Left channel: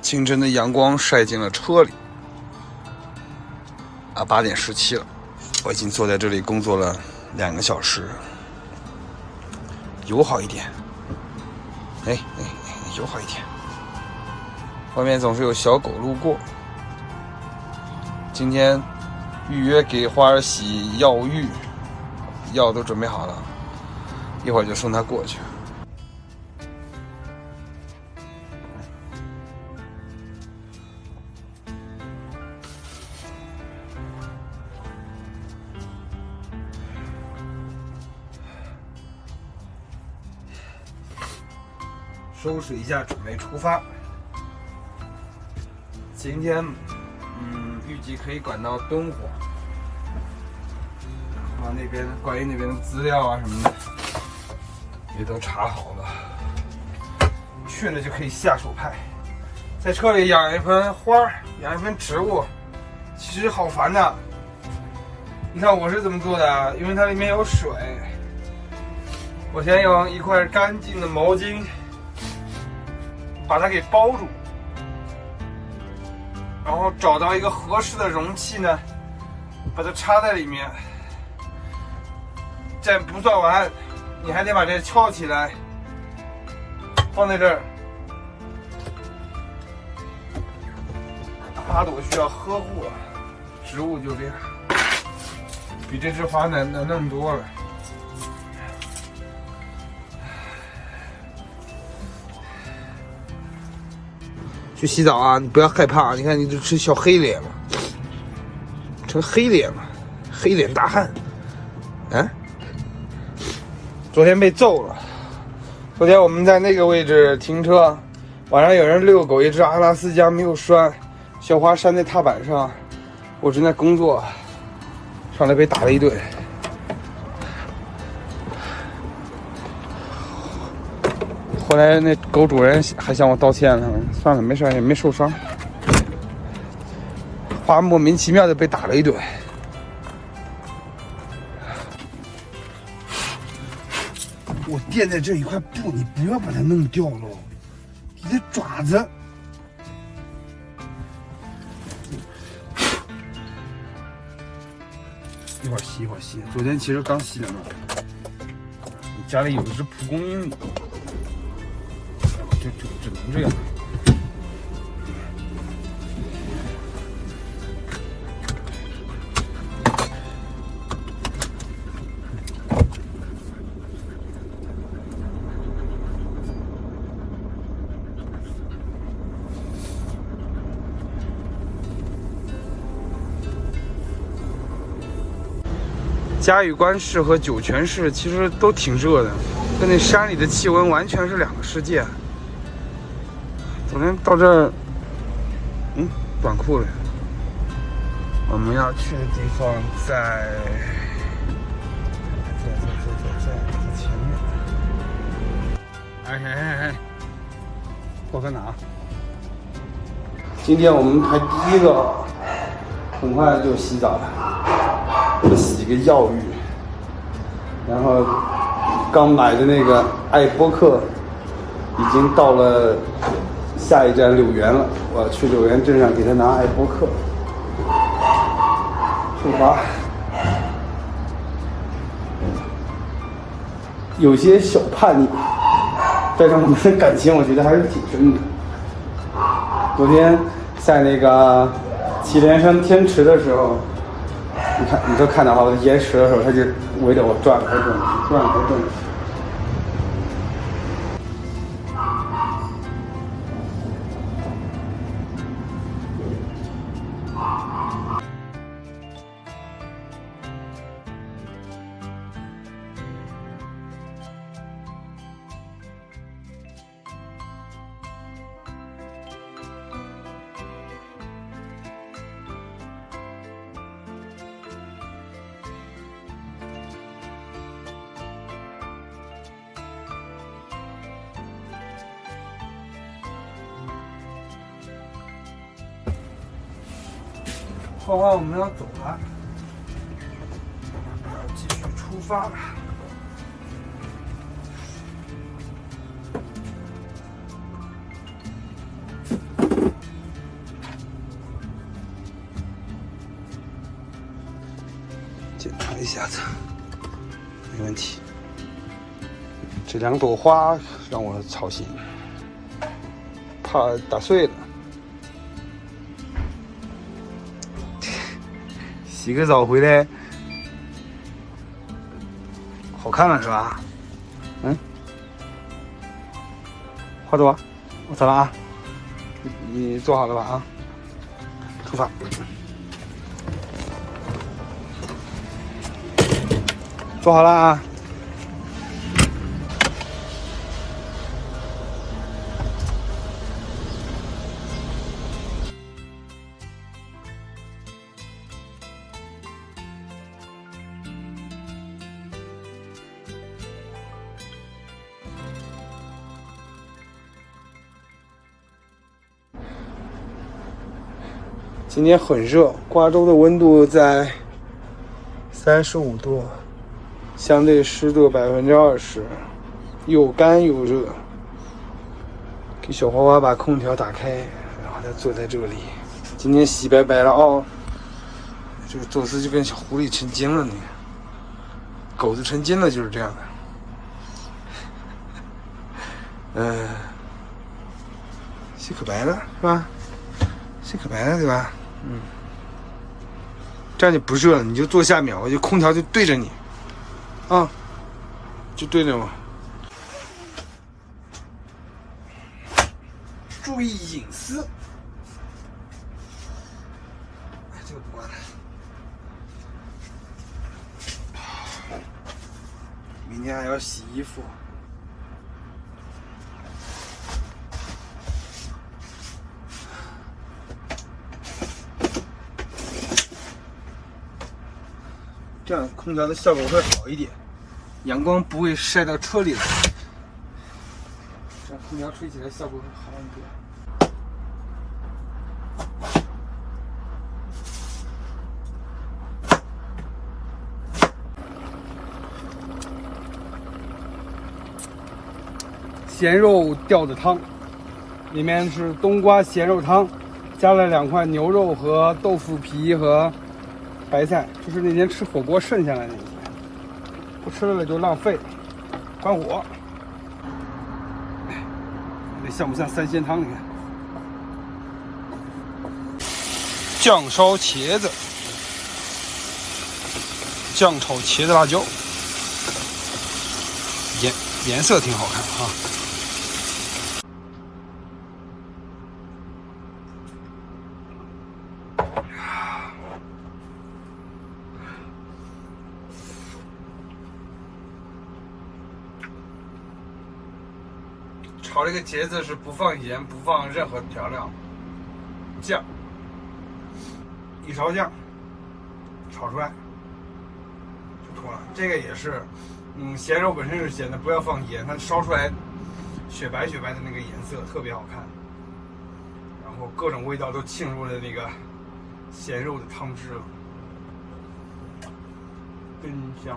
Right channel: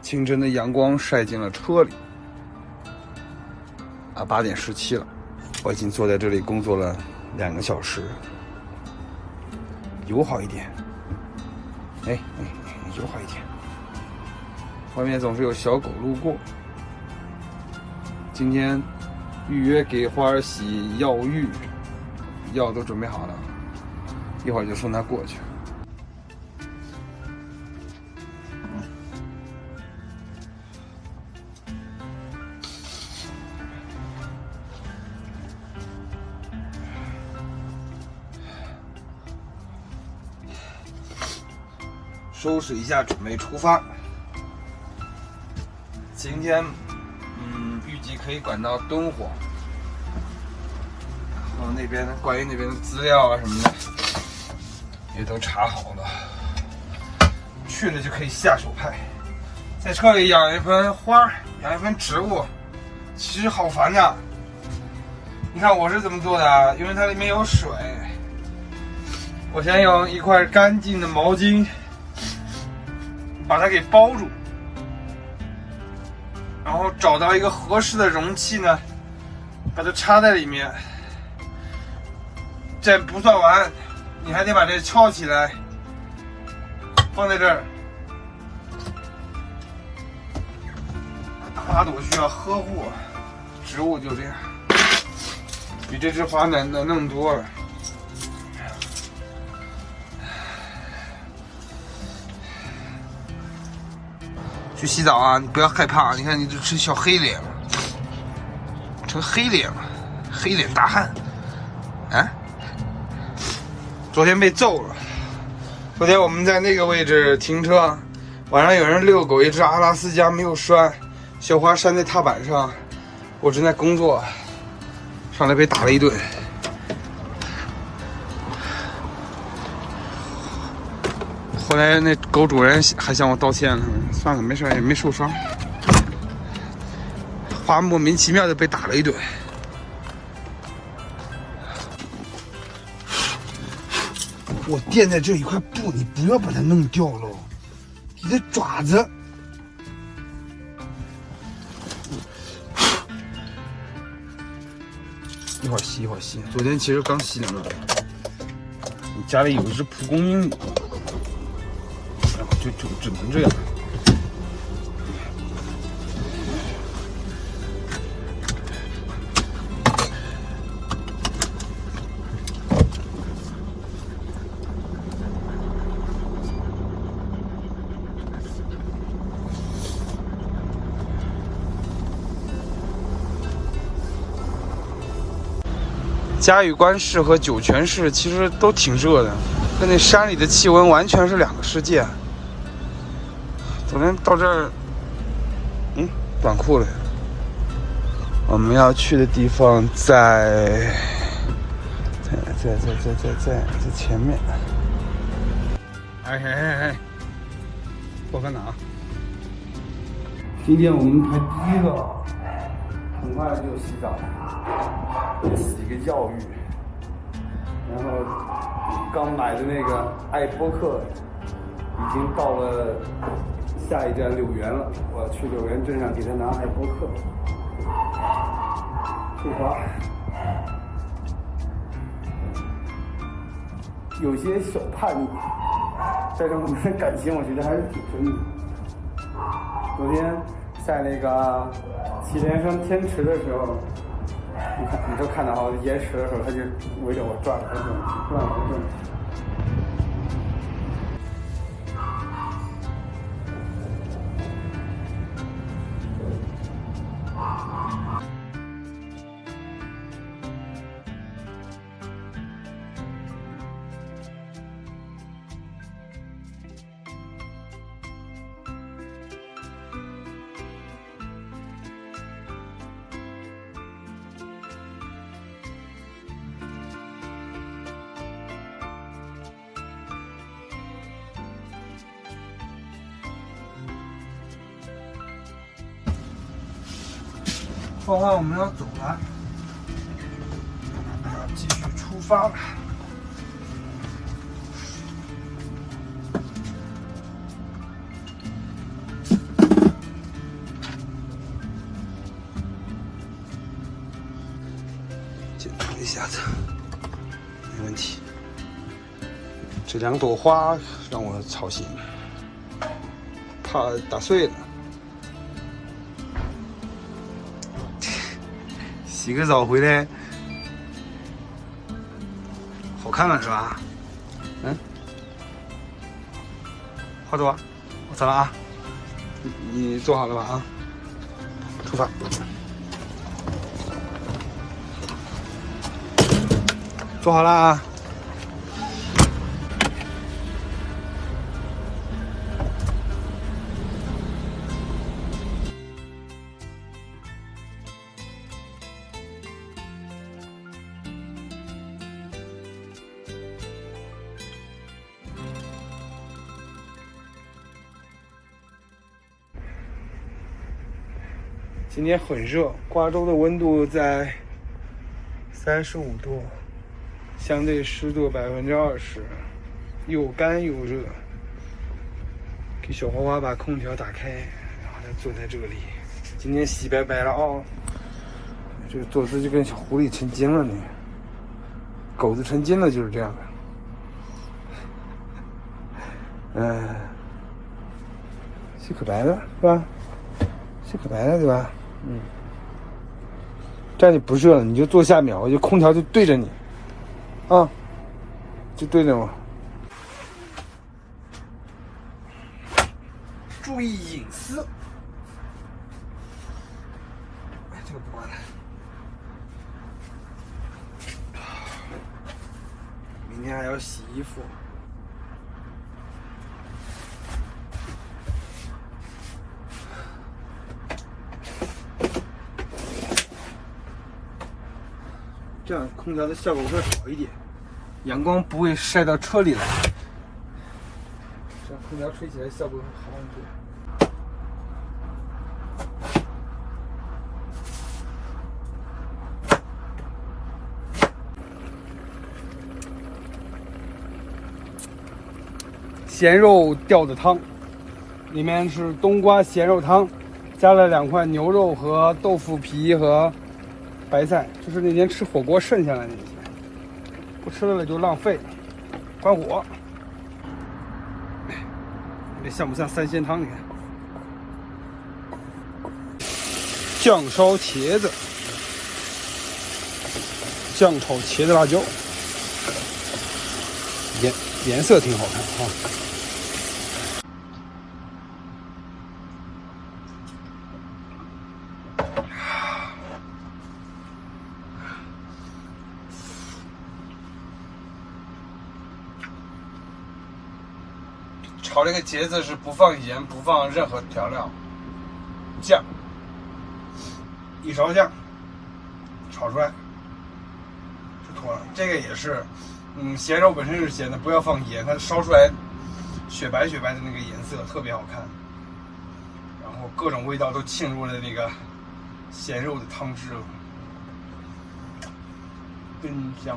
清晨的阳光晒进了车里。8点17了，我已经坐在这里工作了2个小时。友好一点，友好一点。外面总是有小狗路过。今天预约给花儿洗药浴，药都准备好了，一会儿就送他过去。收拾一下，准备出发。今天，预计可以赶到敦煌。我那边关于那边的资料啊什么的，也都查好了。去了就可以下手拍。在车里养一盆花，养一盆植物，其实好烦的。你看我是怎么做的啊？因为它里面有水，我先用一块干净的毛巾把它给包住，然后找到一个合适的容器呢，把它插在里面。这不算完，你还得把这敲起来，放在这儿。花朵需要呵护，植物就这样，比这枝花难弄多了。去洗澡啊！你不要害怕，你看你都成小黑脸了，成黑脸了，黑脸大汉。啊！昨天被揍了。昨天我们在那个位置停车，晚上有人遛狗，一只阿拉斯加没有拴，小花拴在踏板上，我正在工作，上来被打了一顿。后来那狗主人还向我道歉了，算了，没事，也没受伤。花莫名其妙的被打了一顿。我垫在这一块布，你不要把它弄掉了，你的爪子。一会儿洗，一会儿洗。昨天其实刚洗两个。你家里有一只蒲公英。就只能这样。嘉峪关市和酒泉市其实都挺热的，跟那山里的气温完全是两个世界。昨天到这儿，短裤了。我们要去的地方在前面。哎，我在哪？今天我们排第一个，很快就洗澡了，洗一个药浴，然后刚买的那个爱播客已经到了。下一站柳园了，我要去柳园镇上给他拿爱播客。出发，有些小叛逆，但是我们的感情我觉得还是挺深的。昨天在那个祁连山天池的时候，你都看到我延迟的时候，他就围着我转了转。欢欢，我们要走了，继续出发了。一下子，没问题。这2朵花让我操心，怕打碎了。洗个澡回来，好看了是吧？嗯，花朵，我走了啊，你做好了吧啊？出发。做好了啊！今天很热，瓜州的温度在35度。相对湿度20%，又干又热。给小花花把空调打开，然后他坐在这里。今天洗白白了哦。这个宙斯就跟小狐狸成精了，你看，狗子成精了就是这样的。洗可白了是吧？洗可白了对吧？嗯。这样就不热了，你就坐下面，我就空调就对着你。啊，就对着我。注意隐私。哎，这个不关了。明天还要洗衣服。这样空调的效果会好一点，阳光不会晒到车里来，这样空调吹起来效果会好很多。咸肉吊子汤，里面是冬瓜咸肉汤，加了2块牛肉和豆腐皮和白菜，这是那天吃火锅剩下来的那些，不吃了就浪费了。关火，这像不像3鲜汤？你看，酱烧茄子，酱炒茄子辣椒，颜色挺好看啊。炒这个茄子是不放盐，不放任何调料，酱，1勺酱，炒出来就脱了。这个也是，咸肉本身是咸的，不要放盐，它烧出来雪白雪白的那个颜色特别好看。然后各种味道都沁入了那个咸肉的汤汁了，真香。